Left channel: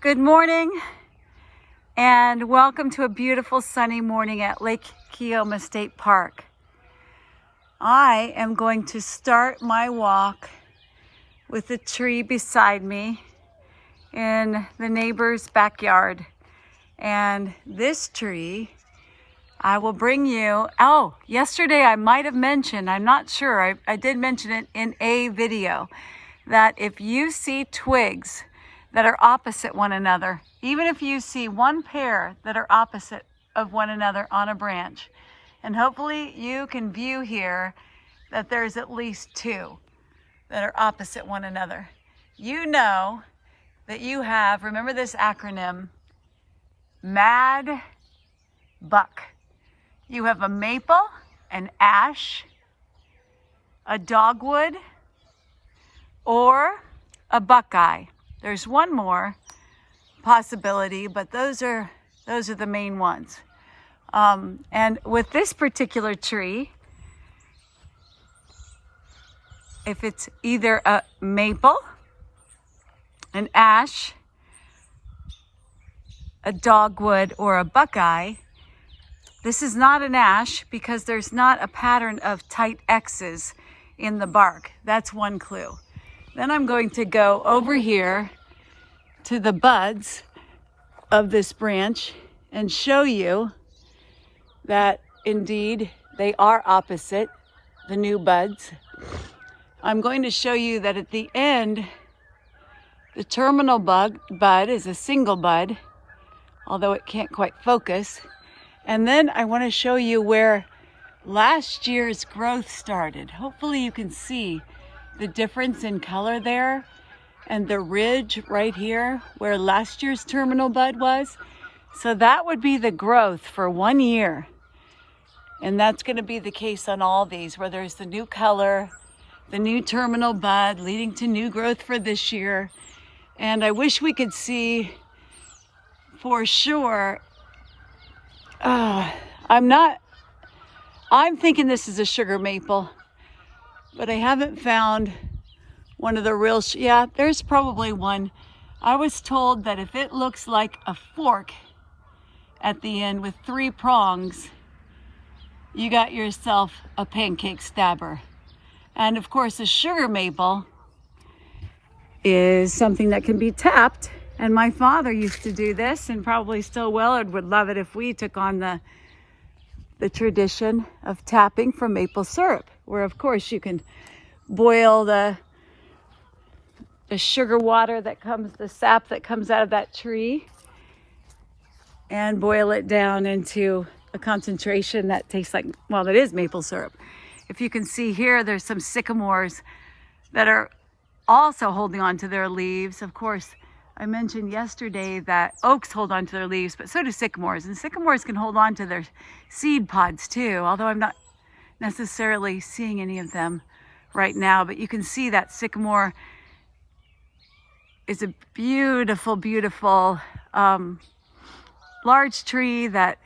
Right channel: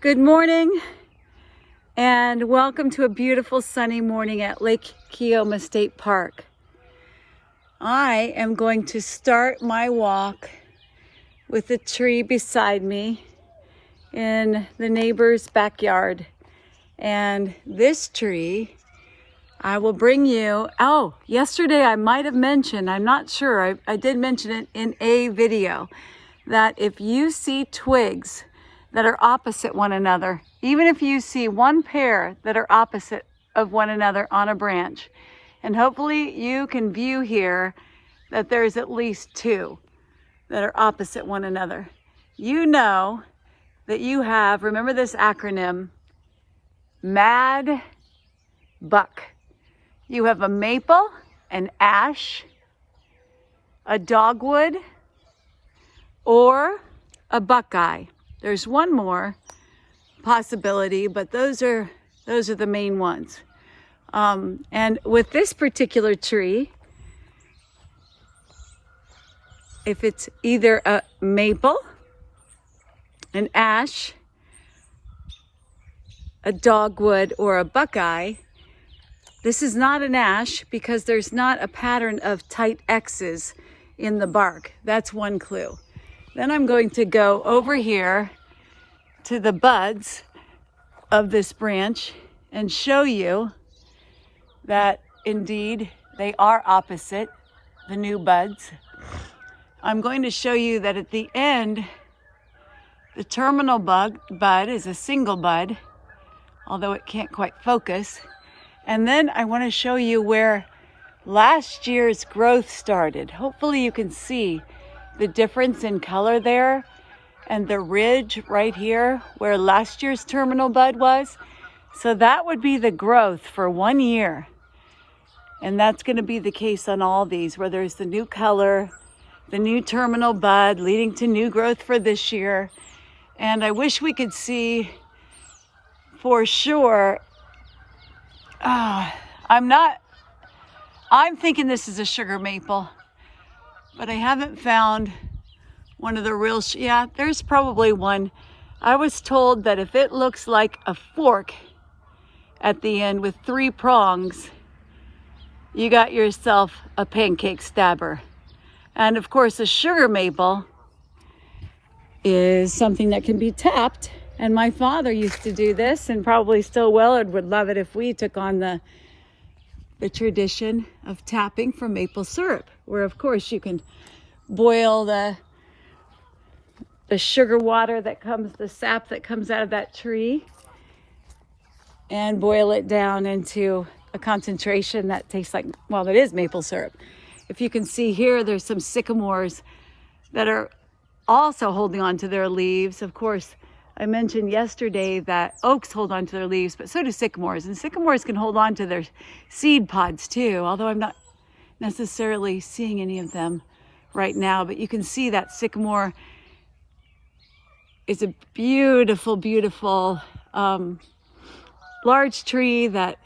Good morning and welcome to a beautiful sunny morning at Lake Keomah State Park. I am going to start my walk with a tree beside me in the neighbor's backyard. And this tree, I will bring you, yesterday I might have mentioned, I'm not sure, I did mention it in a video, that if you see twigs that are opposite one another, even if you see one pair that are opposite of one another on a branch, and hopefully you can view here that there's at least two that are opposite one another, you know that you have, remember this acronym, MAD buck. You have a maple, an ash, a dogwood, or a buckeye. There's one more possibility, but those are the main ones. And with this particular tree, if it's either a maple, an ash, a dogwood, or a buckeye, this is not an ash because there's not a pattern of tight X's in the bark. That's one clue. Then I'm going to go over here to the buds of this branch and show you that indeed they are opposite, the new buds. I'm going to show you that at the end, the terminal bud is a single bud, although it can't quite focus. And then I want to show you where last year's growth started. Hopefully you can see the difference in color there and the ridge right here where last year's terminal bud was. So that would be the growth for 1 year. And that's going to be the case on all these, where there's the new color, the new terminal bud leading to new growth for this year. And I wish we could see for sure. I'm thinking this is a sugar maple, but I haven't found one of the real, yeah, there's probably one. I was told that if it looks like a fork at the end with 3 prongs, you got yourself a pancake stabber. And of course, a sugar maple is something that can be tapped. And my father used to do this, and probably still will, and would love it if we took on the tradition of tapping for maple syrup, where of course you can boil the sugar water that comes, the sap that comes out of that tree, and boil it down into a concentration that tastes like, well, that is maple syrup. If you can see here, there's some sycamores that are also holding on to their leaves. Of course, I mentioned yesterday that oaks hold on to their leaves, but so do sycamores. And sycamores can hold on to their seed pods too, although I'm not necessarily seeing any of them right now. But you can see that sycamore is a beautiful, beautiful large tree that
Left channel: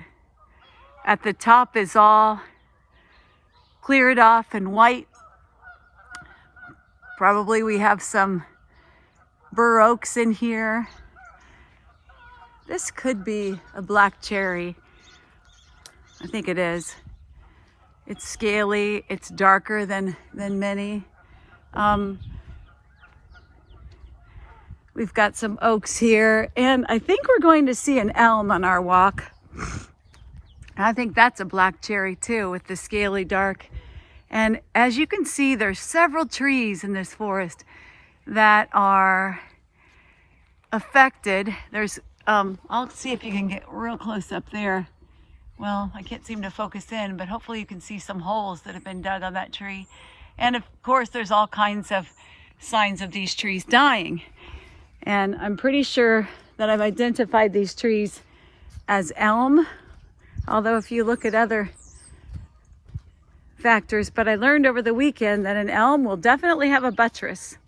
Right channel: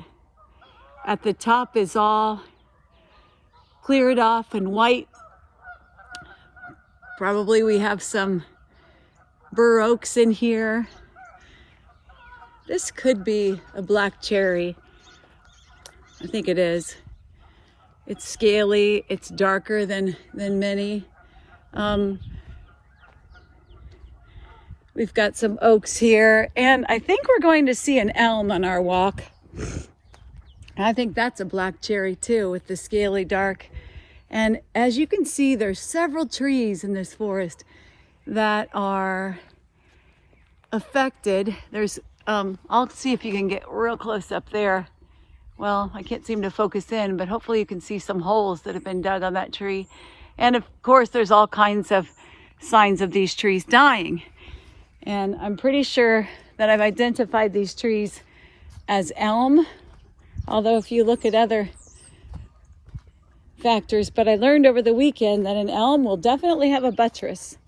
at the top is all cleared off and white. Probably we have some bur oaks in here. This could be a black cherry. I think it is. It's scaly, it's darker than many. We've got some oaks here, and I think we're going to see an elm on our walk. And I think that's a black cherry too, with the scaly dark. And as you can see, there's several trees in this forest that are affected. There's, I'll see if you can get real close up there. Well, I can't seem to focus in, but hopefully you can see some holes that have been dug on that tree. And of course, there's all kinds of signs of these trees dying. And I'm pretty sure that I've identified these trees as elm, although if you look at other factors, but I learned over the weekend that an elm will definitely have a buttress.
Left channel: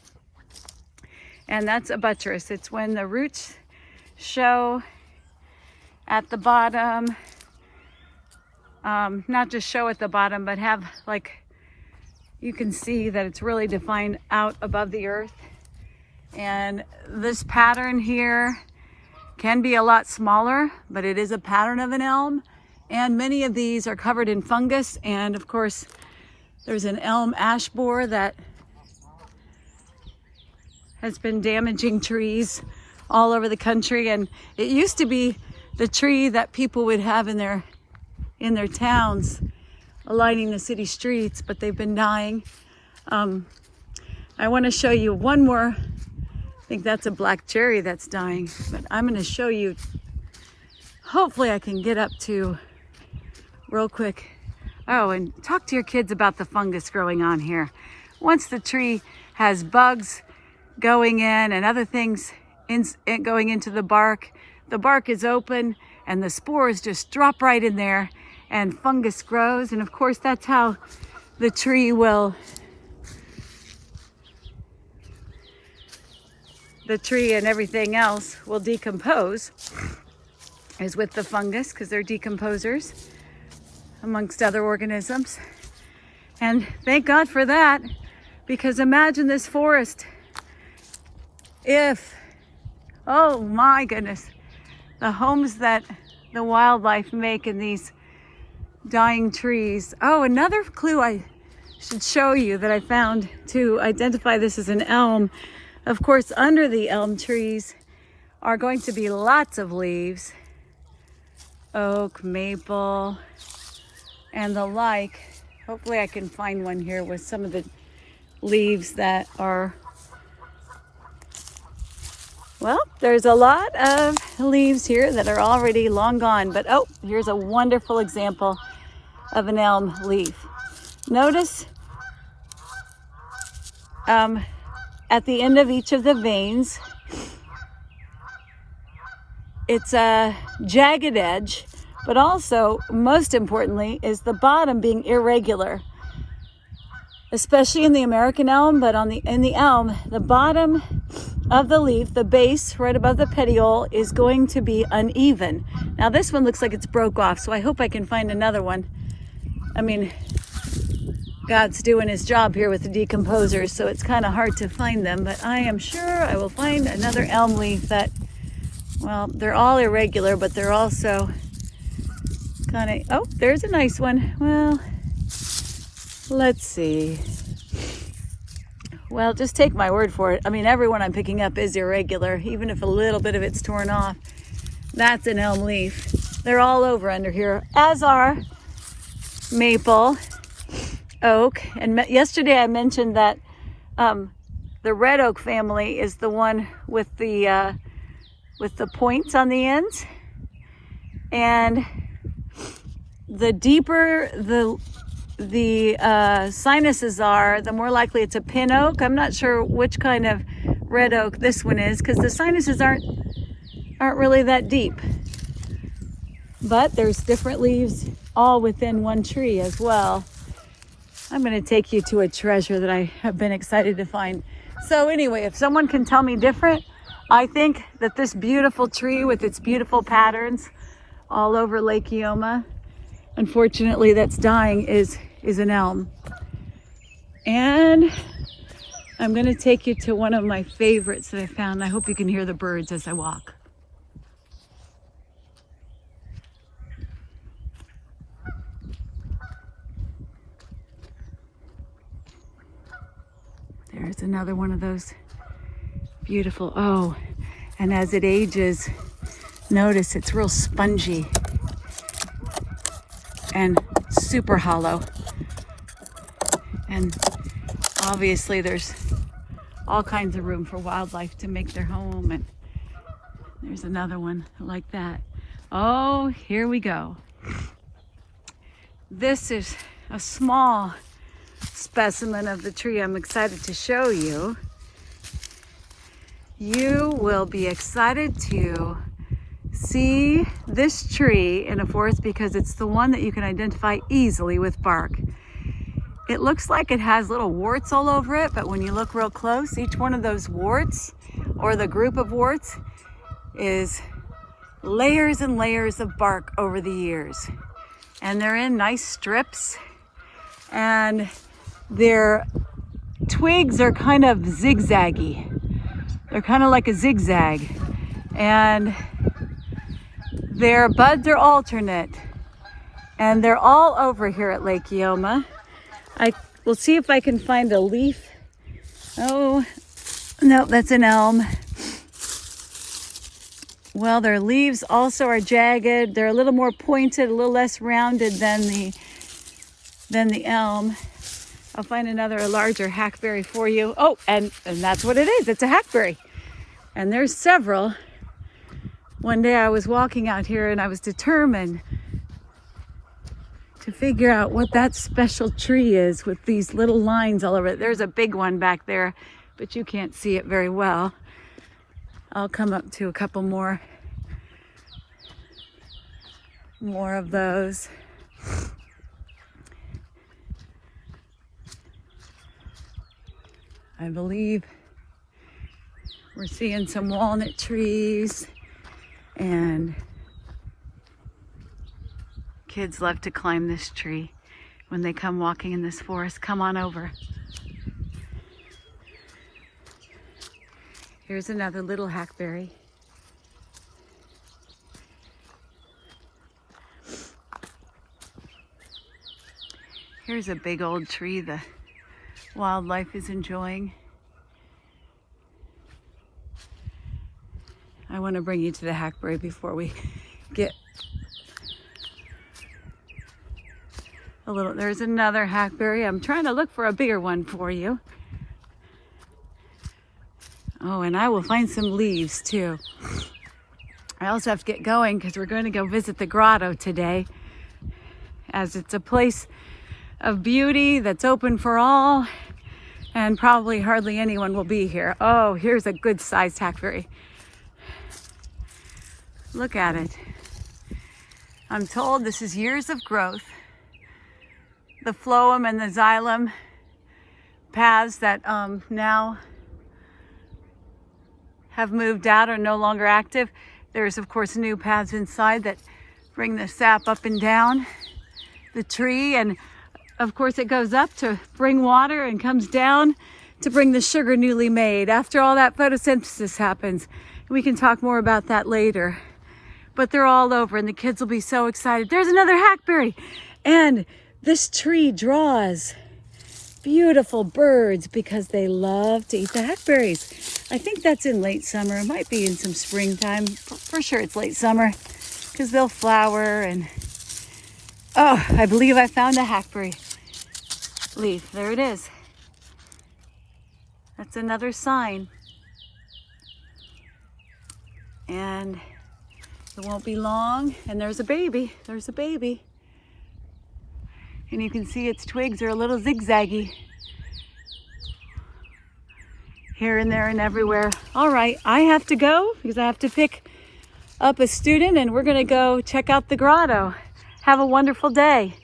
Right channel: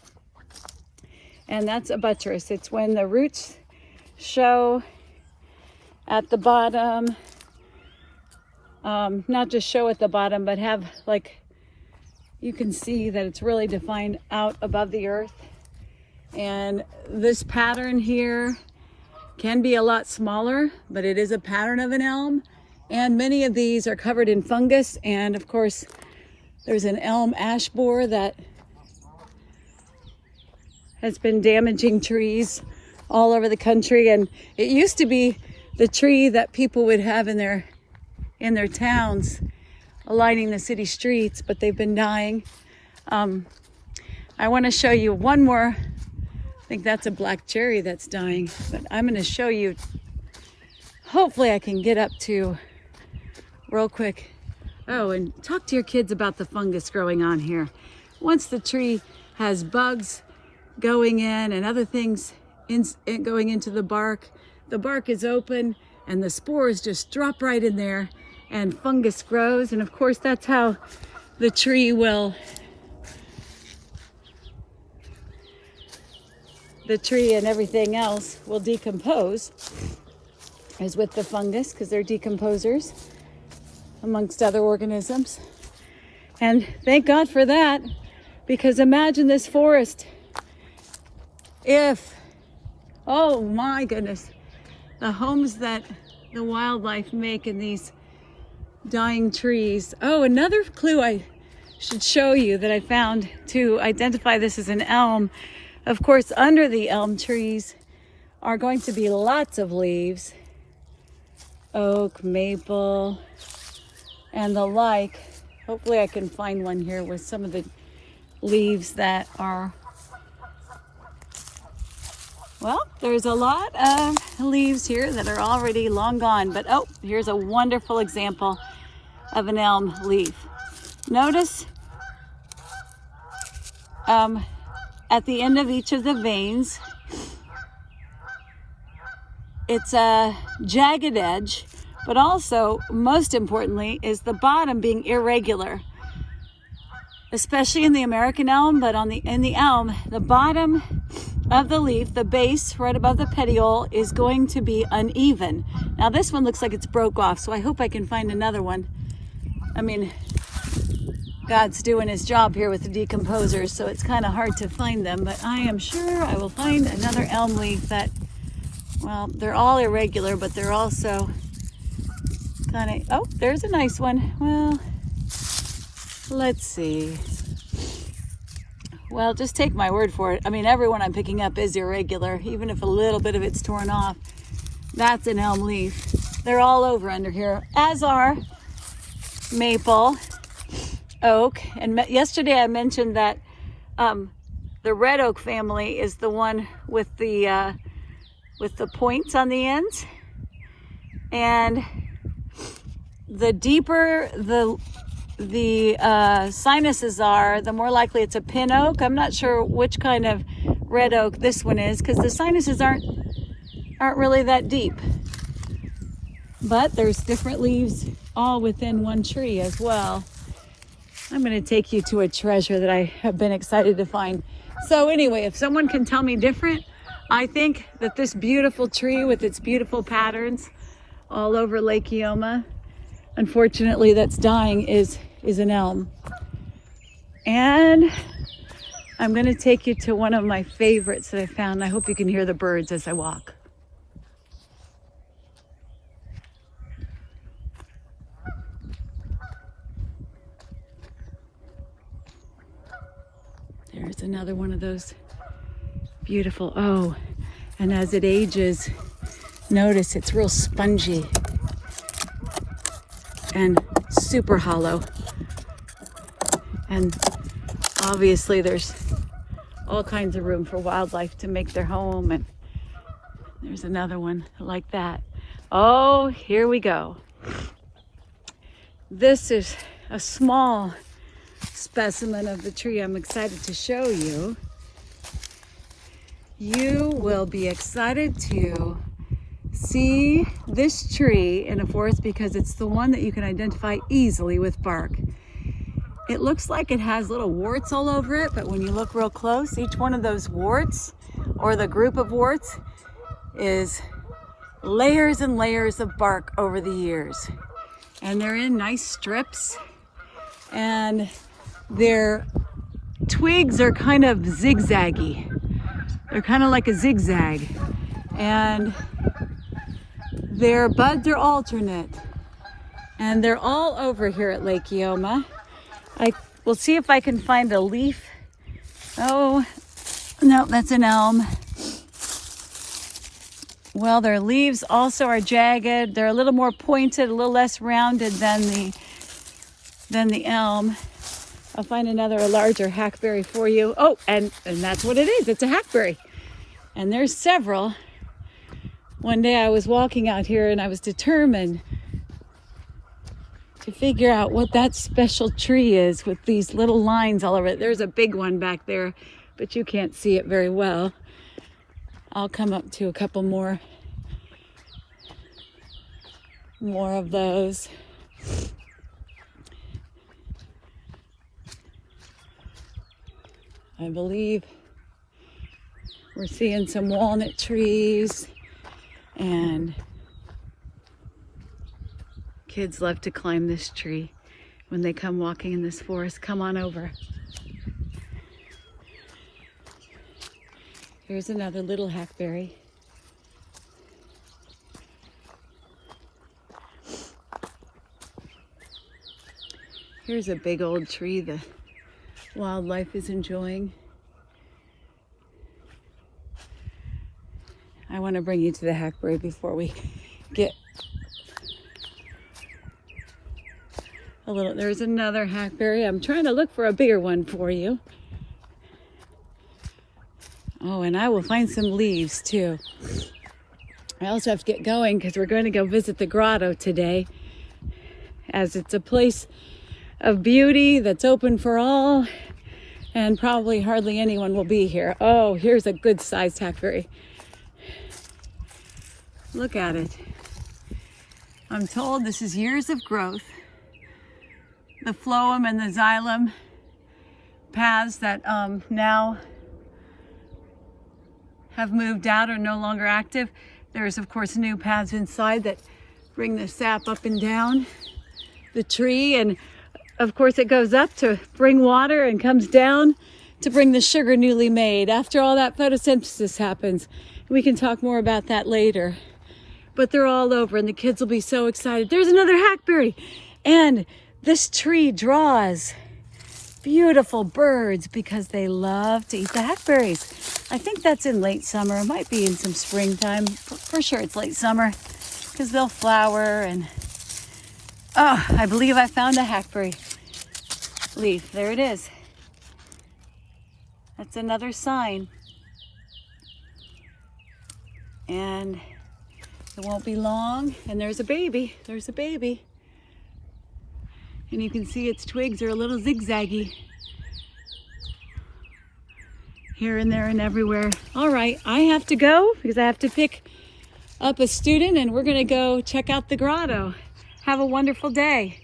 And that's a buttress. It's when the roots show at the bottom, not just show at the bottom, but have, like, you can see that it's really defined out above the earth. And this pattern here Can be a lot smaller, but it is a pattern of an elm. And many of these are covered in fungus. And of course, there's an elm ash borer that has been damaging trees all over the country. And it used to be the tree that people would have in their towns lining the city streets, but they've been dying. I want to show you one more. I think that's a black cherry that's dying, but I'm going to show you. Hopefully I can get up to real quick. Oh, and talk to your kids about the fungus growing on here. Once the tree has bugs going in and other things going into the bark is open and the spores just drop right in there and fungus grows. And of course, that's how the tree and everything else will decompose, is with the fungus, because they're decomposers amongst other organisms. And thank God for that, because imagine this forest if, oh my goodness, the homes that the wildlife make in these dying trees. Oh, another clue I should show you that I found to identify this as an elm. Of course, under the elm trees are going to be lots of leaves. Oak, maple, and the like. Hopefully I can find one here with some of the leaves that are, well, there's a lot of leaves here that are already long gone. But oh, here's a wonderful example of an elm leaf. Notice at the end of each of the veins, it's a jagged edge, but also, most importantly, is the bottom being irregular, especially in the American elm. But in the elm, the bottom of the leaf, the base right above the petiole, is going to be uneven. Now this one looks like it's broke off, so I hope I can find another one. I mean, God's doing his job here with the decomposers, so it's kind of hard to find them, but I am sure I will find another elm leaf that, well, they're all irregular, but they're also kind of, oh, there's a nice one. Well, let's see. Well, just take my word for it. I mean, everyone I'm picking up is irregular, even if a little bit of it's torn off. That's an elm leaf. They're all over under here, as are maple, oak. And yesterday I mentioned that the red oak family is the one with the points on the ends. And the deeper the sinuses are, the more likely it's a pin oak. I'm not sure which kind of red oak this one is, because the sinuses aren't really that deep. But there's different leaves all within one tree as well. I'm going to take you to a treasure that I have been excited to find. So anyway, if someone can tell me different, I think that this beautiful tree with its beautiful patterns all over Lake Keomah, unfortunately that's dying, is an elm. And I'm going to take you to one of my favorites that I found. I hope you can hear the birds as I walk. There's another one of those beautiful, oh, and as it ages, notice it's real spongy and super hollow. And obviously there's all kinds of room for wildlife to make their home. And there's another one like that. Oh, here we go. This is a small specimen of the tree I'm excited to show you. You will be excited to see this tree in a forest because it's the one that you can identify easily with bark. It looks like it has little warts all over it, but when you look real close, each one of those warts, or the group of warts, is layers and layers of bark over the years. And they're in nice strips, and their twigs are kind of zigzaggy. They're kind of like a zigzag. And Their buds are alternate, and they're all over here at Lake Keomah. I will see if I can find a leaf. Oh, no, that's an elm. Well, their leaves also are jagged. They're a little more pointed, a little less rounded than the elm. I'll find another larger hackberry for you. Oh, and that's what it is. It's a hackberry. And there's several. One day I was walking out here and I was determined to figure out what that special tree is with these little lines all over it. There's a big one back there, but you can't see it very well. I'll come up to a couple more of those. I believe we're seeing some walnut trees, and kids love to climb this tree when they come walking in this forest. Come on over. Here's another little hackberry. Here's a big old tree the wildlife is enjoying. I want to bring you to the hackberry before we get a little. There's another hackberry. I'm trying to look for a bigger one for you. Oh, and I will find some leaves too. I also have to get going because we're going to go visit the grotto today, as it's a place of beauty that's open for all, and probably hardly anyone will be here. Oh, here's a good sized hackberry. Look at it. I'm told this is years of growth. The phloem and the xylem paths that now have moved out are no longer active. There's of course new paths inside that bring the sap up and down the tree, and of course it goes up to bring water and comes down to bring the sugar newly made. After all that, photosynthesis happens. We can talk more about that later. But they're all over and the kids will be so excited. There's another hackberry, and this tree draws beautiful birds because they love to eat the hackberries. I think that's in late summer. It might be in some springtime. For sure it's late summer because they'll flower. And oh, I believe I found a hackberry leaf. There it is. That's another sign. And it won't be long. And there's a baby. There's a baby. And you can see its twigs are a little zigzaggy here and there and everywhere. All right, I have to go because I have to pick up a student, and we're gonna go check out the grotto. Have a wonderful day.